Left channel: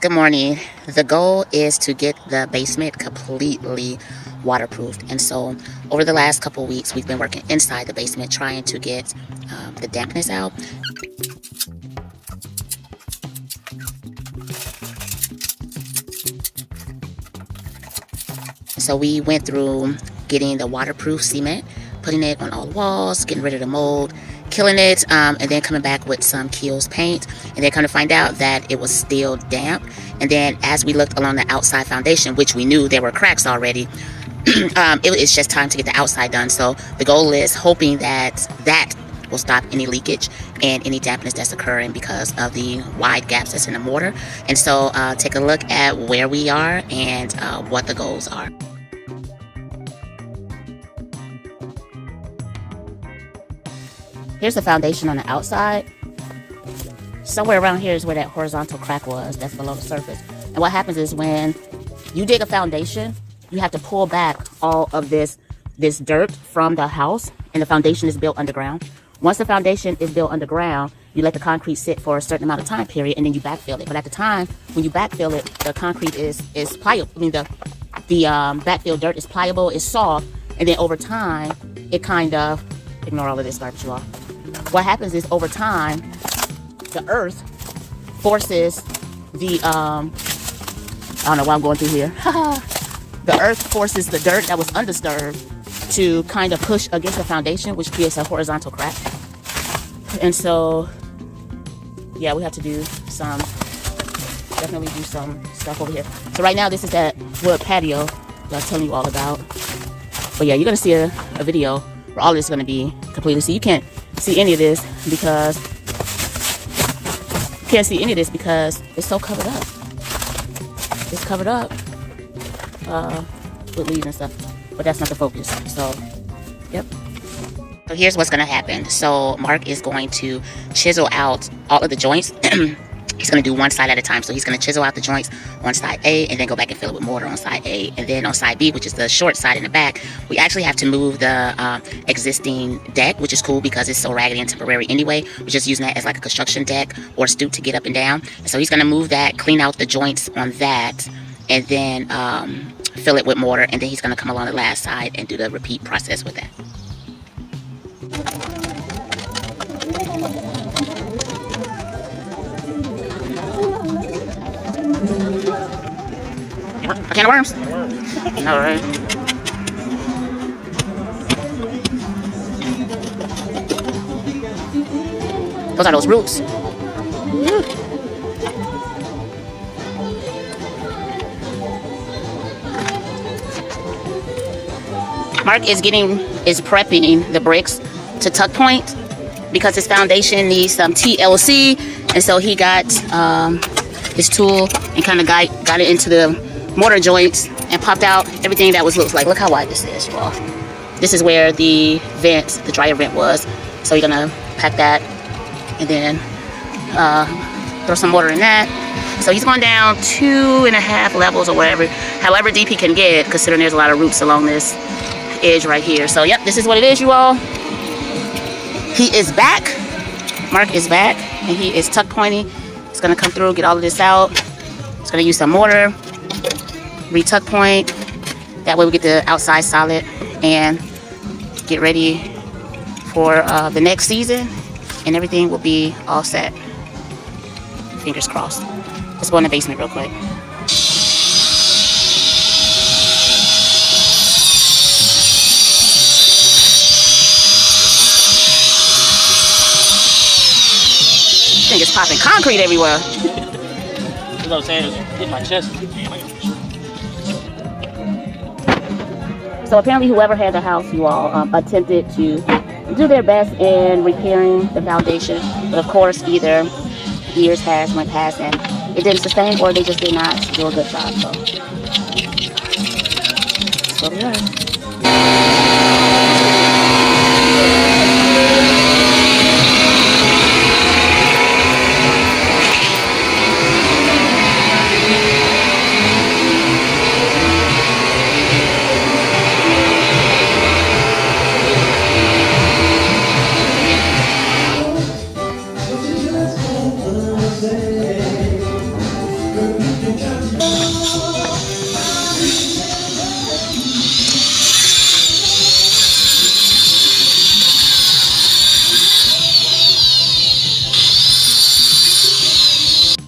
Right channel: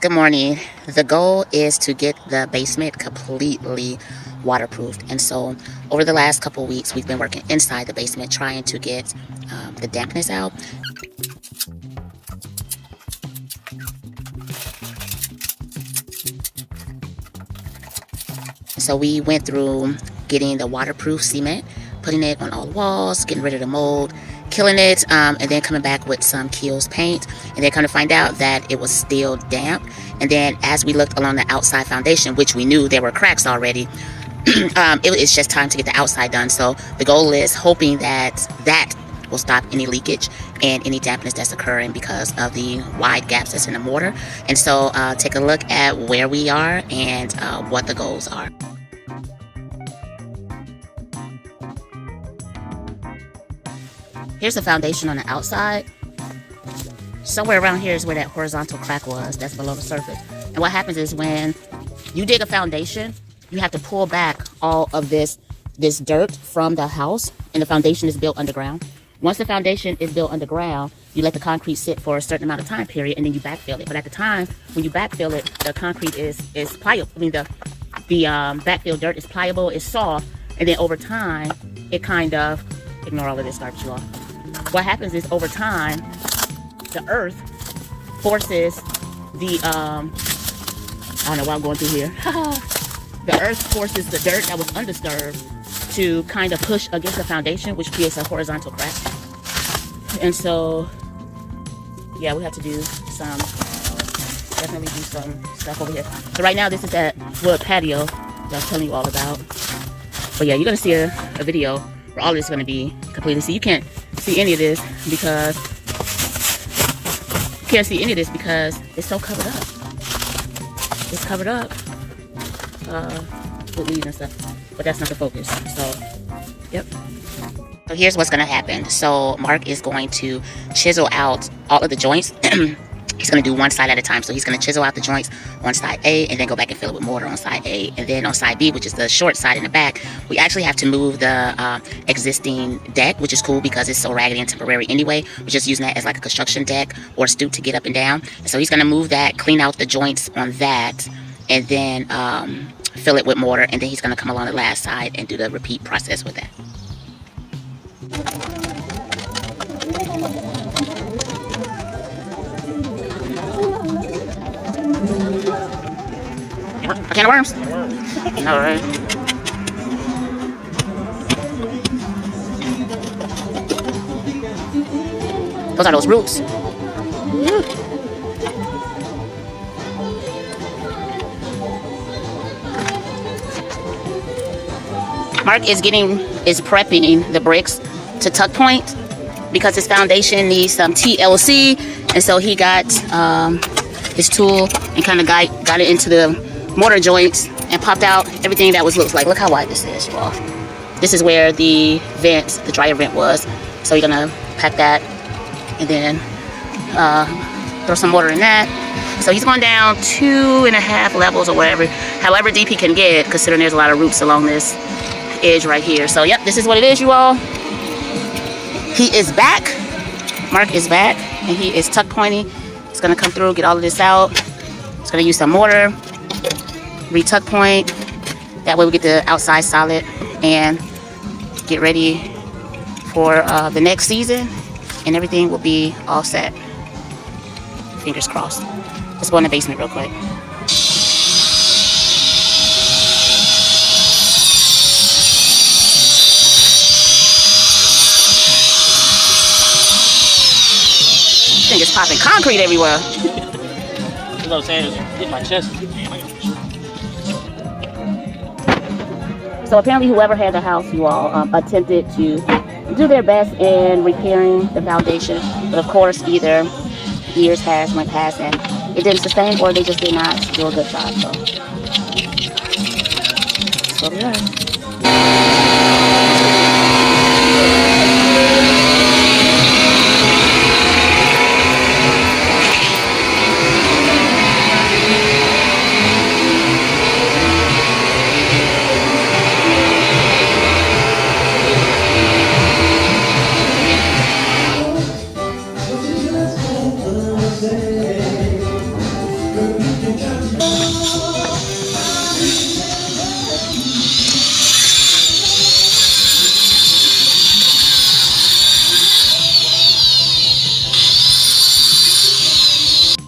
Good morning. The goal is to get the basement completely waterproofed. And so over the last couple weeks, we've been working inside the basement trying to get the dampness out. So we went through getting the waterproof cement, putting it on all the walls, getting rid of the mold, killing it, and then coming back with some Kiehl's paint, and then come to find out that it was still damp. And then as we looked along the outside foundation, which we knew there were cracks already, it's just time to get the outside done. So the goal is hoping that will stop any leakage and any dampness that's occurring because of the wide gaps that's in the mortar. And so take a look at where we are and what the goals are. Here's the foundation on the outside. Somewhere around here is where that horizontal crack was, that's below the surface. And what happens is when you dig a foundation, you have to pull back all of this dirt from the house, and the foundation is built underground. Once the foundation is built underground, you let the concrete sit for a certain amount of time period, and then you backfill it. But at the time when you backfill it, the concrete is pliable. I mean, the backfill dirt is pliable, it's soft, and then over time, it kind of, ignore all of this garbage you all. What happens is over time, the earth forces the, I don't know what I'm going through here. The earth forces the dirt that was undisturbed to kind of push against the foundation, which creates a horizontal crack. And so, yeah, we have to definitely do some stuff over here. So right now, this is that wood patio that I was telling you all about. But yeah, you're gonna see a video where all this is gonna be completely. So you can't see any of this because it's so covered up. It's covered up with leaves and stuff, but that's not the focus. So, yep. So here's what's gonna happen. So Mark is going to chisel out all of the joints. He's going to do one side at a time. So he's going to chisel out the joints on side A and then go back and fill it with mortar on side A. And then on side B, which is the short side in the back, we actually have to move the existing deck, which is cool because it's so raggedy and temporary anyway. We're just using that as like a construction deck or stoop to get up and down. So he's going to move that, clean out the joints on that, and then fill it with mortar. And then he's going to come along the last side and do the repeat process with that. A can of worms? All right. Those are those roots. Mark is prepping the bricks to tuck point because his foundation needs some TLC, and so he got his tool and kind of got it into the mortar joints and popped out everything that was loose. Like, look how wide this is. Well, this is where the dryer vent was. So you're gonna pack that and then throw some mortar in that. So he's going down 2.5 levels or wherever, however deep he can get, considering there's a lot of roots along this edge right here. So yep, this is what it is, you all. He is back. Mark is back, and he is tuck pointing. He's gonna come through, get all of this out. He's gonna use some mortar, re-tuck point. That way we get the outside solid and get ready for the next season, and everything will be all set. Fingers crossed. Let's go in the basement real quick. This thing is popping concrete everywhere. That's what I'm saying. Hit my chest. So apparently whoever had the house, you all, attempted to do their best in repairing the foundation. But of course, either years went past and it didn't sustain, or they just did not do a good job. So we are.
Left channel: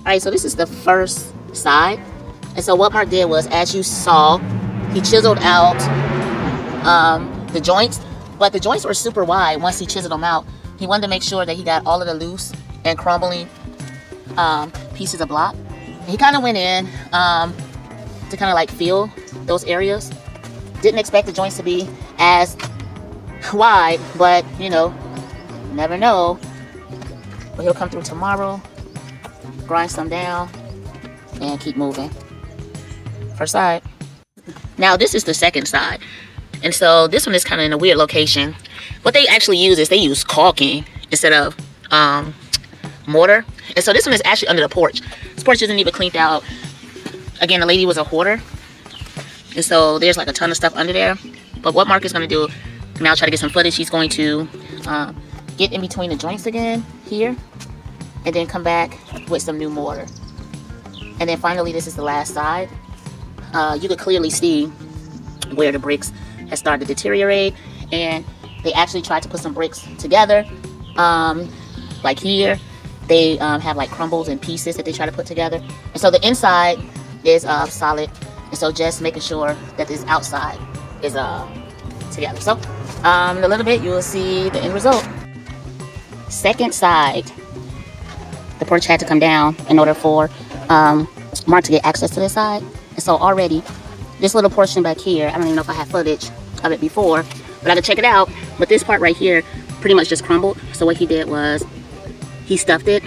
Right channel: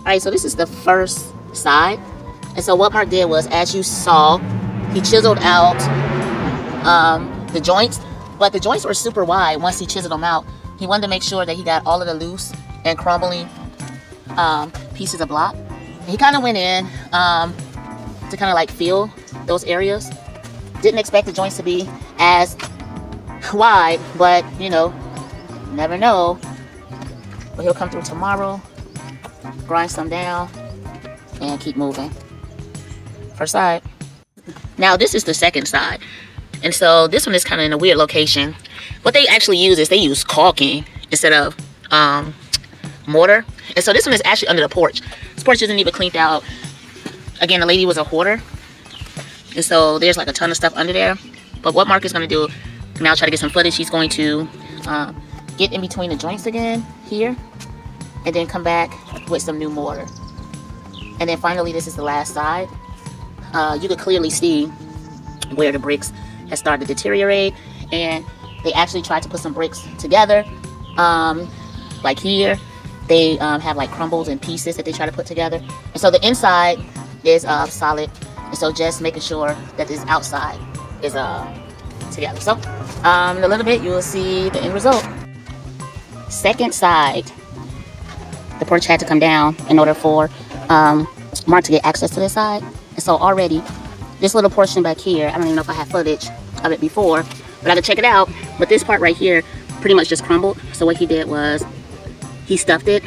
Alright, so this is the first side. And so what Mark did was, as you saw, he chiseled out the joints. But the joints were super wide once he chiseled them out. He wanted to make sure that he got all of the loose and crumbling pieces of block. He kind of went in to kind of like feel those areas. Didn't expect the joints to be as wide, but you know, never know. But he'll come through tomorrow, grind some down, and keep moving. First side. Now this is the second side. And so this one is kind of in a weird location. What they actually use is they use caulking instead of mortar. And so this one is actually under the porch. This porch isn't even cleaned out. Again, the lady was a hoarder. And so there's like a ton of stuff under there. But what Mark is going to do, now try to get some footage, he's going to get in between the joints again here. And then come back with some new mortar. And then finally, this is the last side. You could clearly see where the bricks have started to deteriorate. And they actually tried to put some bricks together. Like here, they have like crumbles and pieces that they try to put together. And so the inside is solid. And so just making sure that this outside is together. So in a little bit, you will see the end result. Second side. The porch had to come down in order for Mark to get access to this side. And so already, this little portion back here, I don't even know if I had footage of it before, but I had to check it out. But this part right here pretty much just crumbled. So what he did was he stuffed it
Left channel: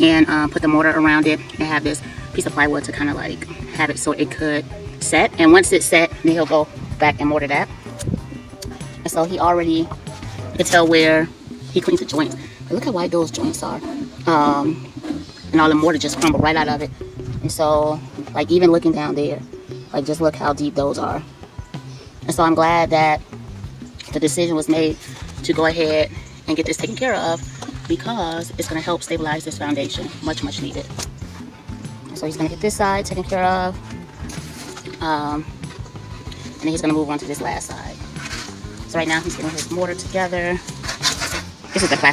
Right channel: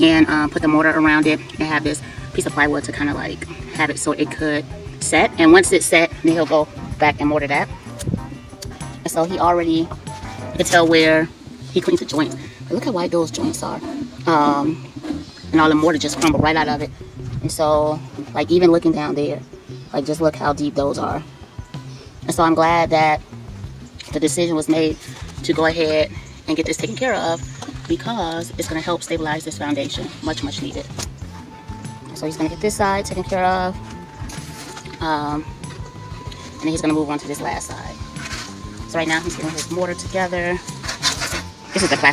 and put the mortar around it and have this piece of plywood to kind of like have it so it could set. And once it's set, then he'll go back and mortar that. And so he already, you can tell where he cleaned the joint. But look how wide those joints are. And all the mortar just crumbled right out of it. And so, like even looking down there, like just look how deep those are. And so I'm glad that the decision was made to go ahead and get this taken care of, because it's going to help stabilize this foundation much needed. So he's going to get this side taken care of. He's going to move on to this last side. So right now he's going to put mortar together.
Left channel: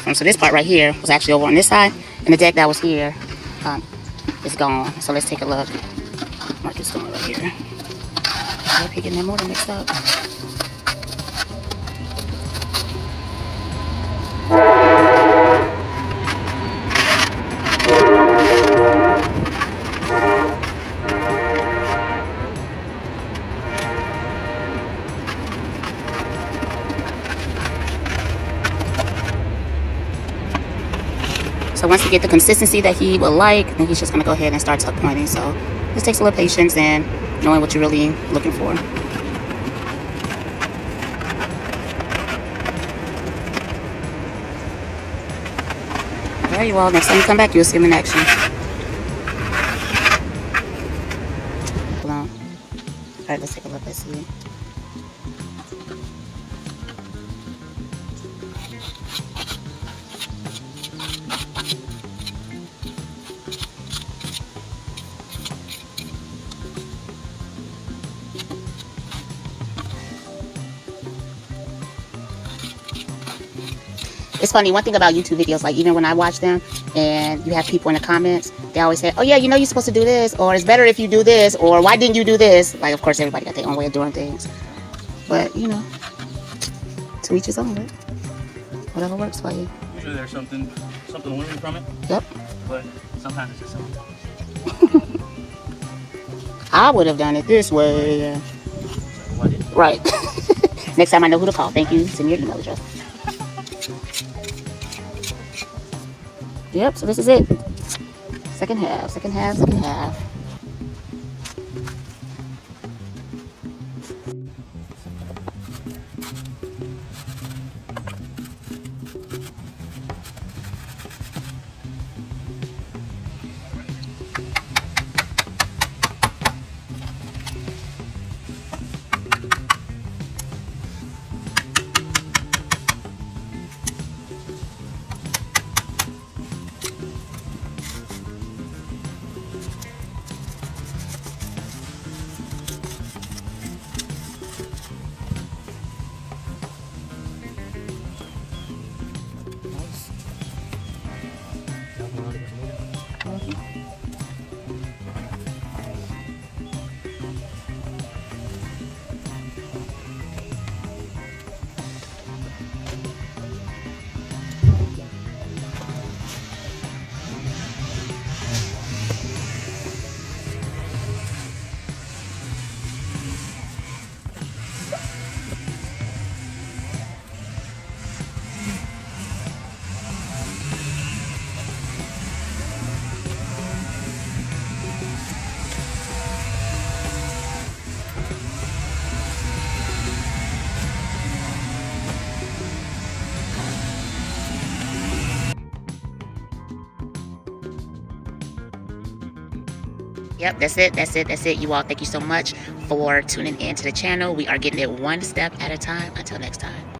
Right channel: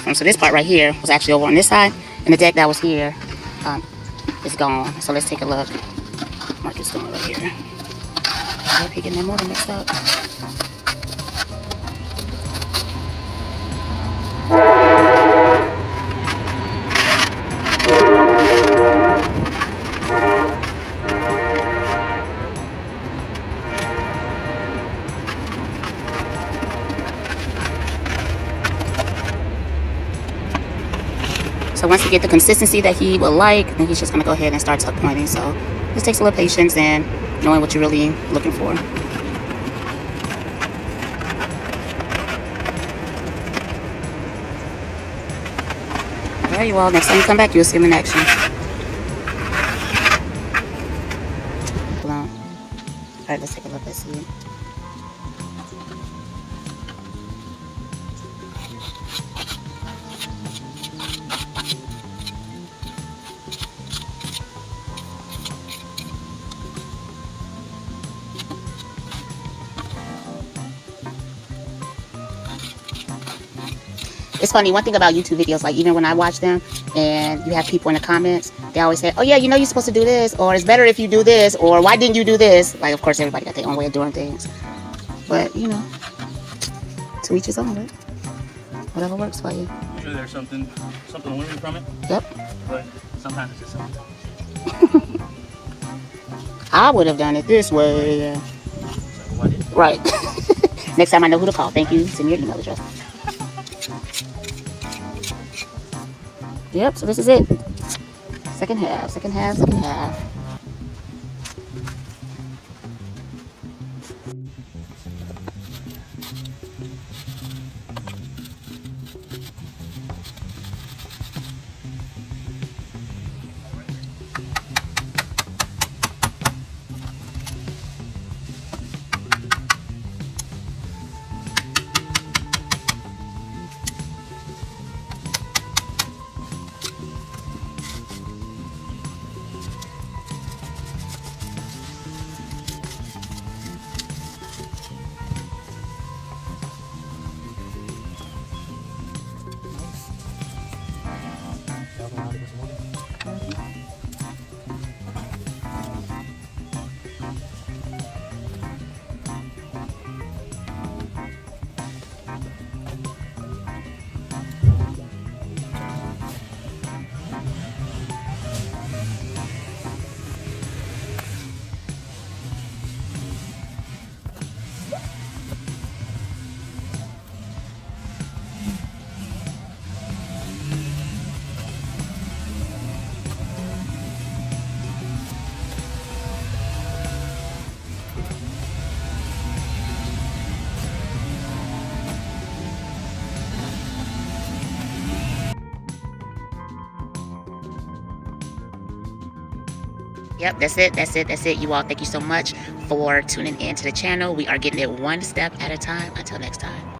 This part here is actually over on this side. And the deck that was here is gone. So let's take a look. So once you get the consistency that he will like, then he's just going to go ahead and start tuck pointing. So this takes a little patience and knowing what you're really looking for. There you are. Next time you come back, you'll see him in action. Hold on. All right, let's take a look. Let's see. It's funny, one thing about YouTube videos, like even when I watch them and you have people in the comments, they always say, oh yeah, you know you're supposed to do this, or it's better if you do this, or why didn't you do this? Like, of course, everybody got their own way of doing things. But, you know, to each his own, right? Whatever works for you. Usually there's something learning from it. Yep. But sometimes it's just something. I would have done it this way. Right. Next time I know who to call. Thank you. Send me your email address. Yep, so this is it. Second half. Yep, that's it. That's it. That's it. You all, thank you so much for tuning in to the channel. We are getting it one step at a time. Until next time.